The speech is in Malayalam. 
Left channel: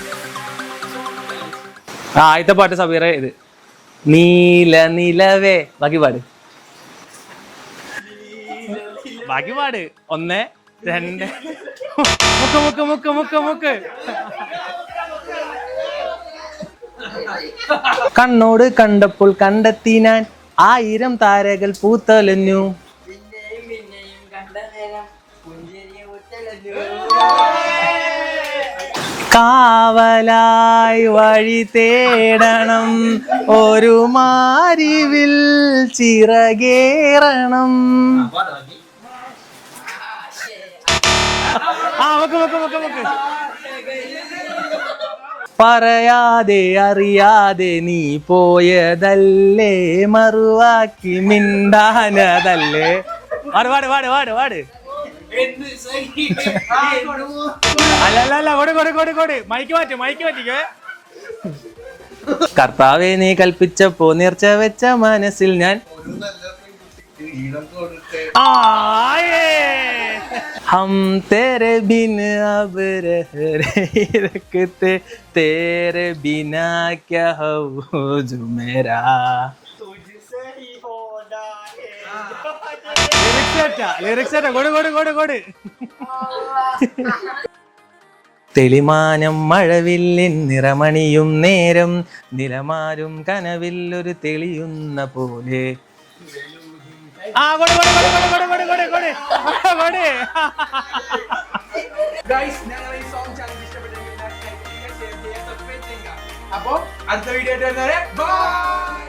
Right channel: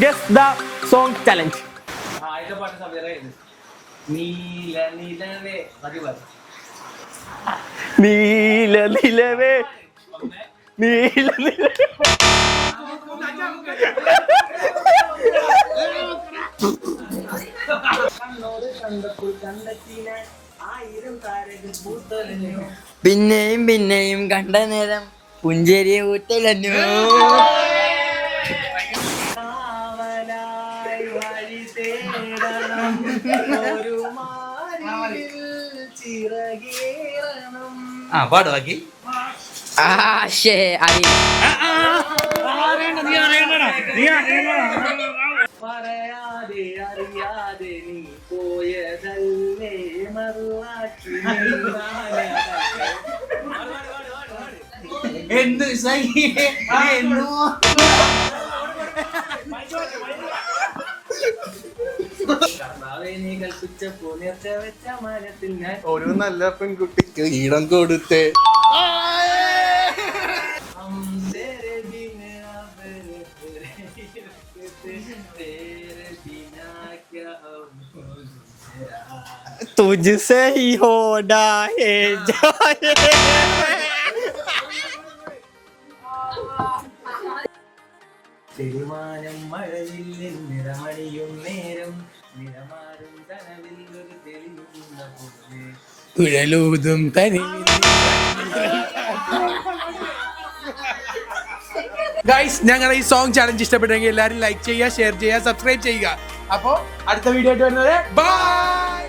Guess the song challenge. ആദ്യത്തെ പാട്ട് സബീറ ഇത് നീല നിലവേ ബാക്കി പാട്. നീല നിലവേ പാട്. ഒന്ന് നീല മുക്ക് മുക്ക് മുക്ക് മുക്ക്. കണ്ണോട് കണ്ടപ്പോൾ കണ്ടെത്തി ഞാൻ 1000 താരകൾ പൂത്തലഞ്ഞു. പിന്നെയും പിന്നെയും കണ്ട നേരം പുഞ്ചേരി ഊറ്റലഞ്ഞു. കാവലായി വഴി തേടണം ഒരു മാരിവിൽ ചിറകേറണം. പാട് ബാക്കി. പറയാതെ അറിയാതെ നീ പോയതല്ലേ മറുവാക്കി മിണ്ടാനതല്ലേ. പാട് പാട് പാട് പാട് പാട്. കർത്താവെ നീ കൽപ്പിച്ചപ്പോ നേർച്ച വെച്ച മനസ്സിൽ ഞാൻ ഒരു നല്ല പെൺകുട്ടിക്ക് ഈടം കൊടുത്തേ. हम तेरे बिन अब रह नहीं रखते तेरे बिना क्या हो जो मेरा तुझसे ही होना है. തെളിമാനം മഴവില്ലിൻ നിറമണിയും നേരം നിലമാരും കനവിൽ ഒരു തെളിയുന്ന പോലെ കുഴലൂതും തനി. ഗൈസ്, ഞങ്ങളുടെ ഈ സോങ് ചാലഞ്ച് ഇഷ്ടപ്പെട്ടെങ്കിൽ എല്ലാവരും ലൈക്ക് ചെയ്യുക, ഷെയർ ചെയ്യുക, സബ്സ്ക്രൈബ് ചെയ്യുക. അപ്പോൾ അടുത്ത വീഡിയോ ആയിട്ട് വരുന്നവരെ ബൈ.